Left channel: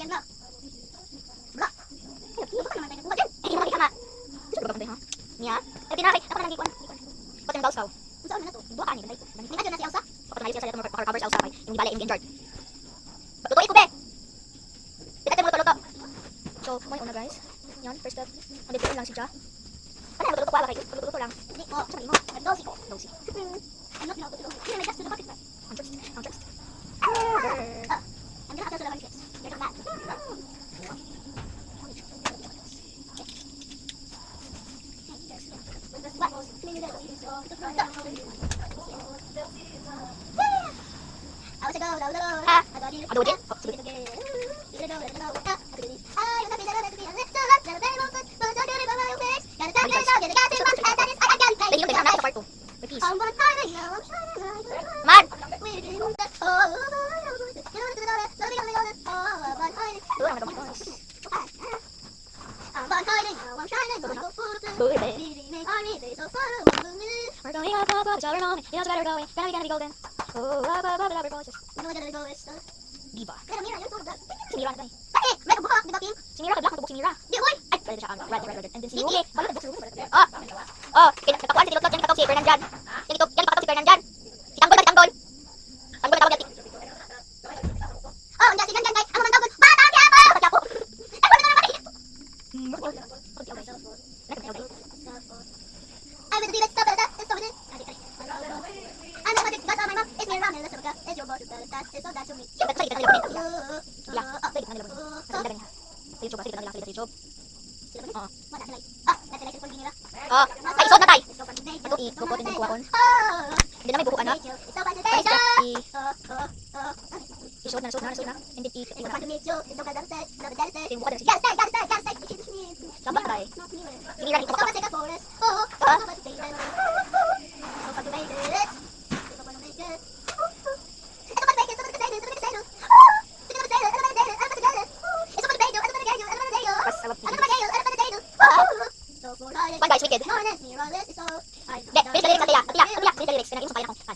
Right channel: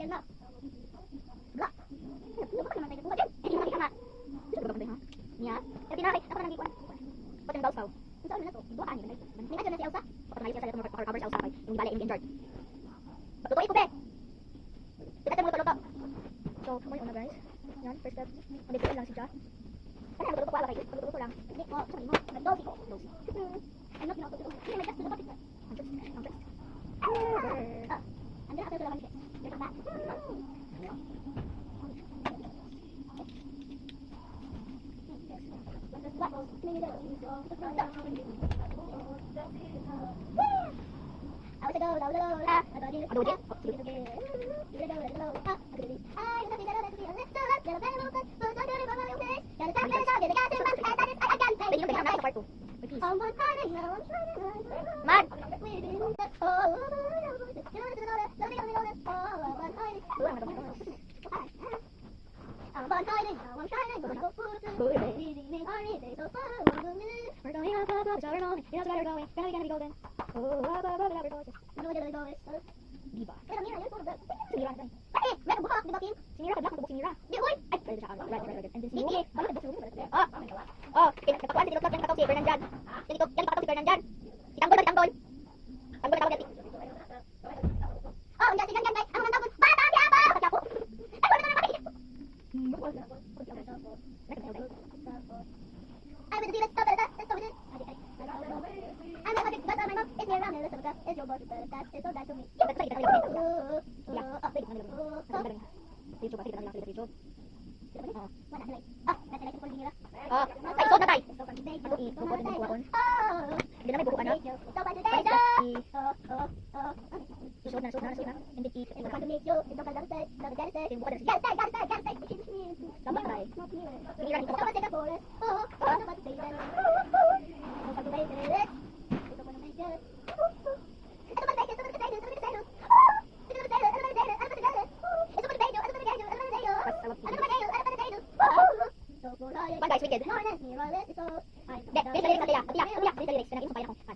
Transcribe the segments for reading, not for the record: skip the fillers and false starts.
yan na. Bla. Ano ba naman tayo nagbuhat yan? Hindi mo makikama. Gusto ba ba ha? Niya? Tapi na kay, ako na nang gikuan. Pati ang gausaw. Kung saan na to? Dua ka ni balay. May adyo na si Elsa. Pati na siya sa letter covers Elsa kay yung balay in George. Tutuloy ko be. Pinatay mo luto. So, mo yung una guys. Yan, first step. Andito lang si Ja. Ano yung luto ko ala kay? Luto lang. Hindi ko, sabi mo. Dosi. Dosi. Ano pinauto ko? Hindi may gas to the pocket. Untrust. Untrust. I'm gonna have to do the chips. There's a mat. Diva. Sinira na tayo. Bakit? May nagbuka, di ba, Kim? Sinira ka, black na sinira. Di, oy! Ay, pwede siya, red. And then si Yuki. Balot, nagbuka sa room. Nagkakuan si Tilot, yan nagkataw si Fernandjan. Yan nagkataw si Fernandjan. Si Tanggol ba, si Tanggol? Tanggol na tawag yan. Hindi, si Fernandjan, guys. Ako man tawag. Batang Quiapo! Batang Quiapo! Ay, pwede na naman. I will do it, stop it, stop it. I'm not going to my mom. It's me around and listen to it's your boss. It's so that to me. Ay, isod na tay. Ato i-kupot din ko akon. Hindi na may buko anak. Isod na. Hindi i-buka din siya. Sabat tay. Hindi lang ito pa. Guys, wicked.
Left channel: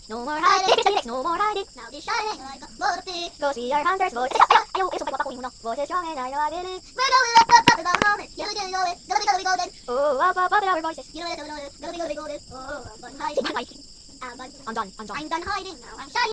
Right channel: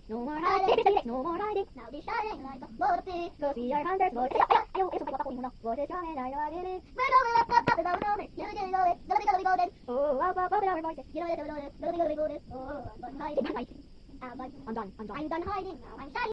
No more hiding. No more hiding. Now this shining like a motive. Go see our hunters. Voices. Ayaw, isa pa ko mo no. Voices strong and I know I believe. We're going up about moment. You do know it. Go golden. Oh, up our voices. You know it. Go golden. Oh, I'm done hiding. I'm done hiding. Now I'm shining.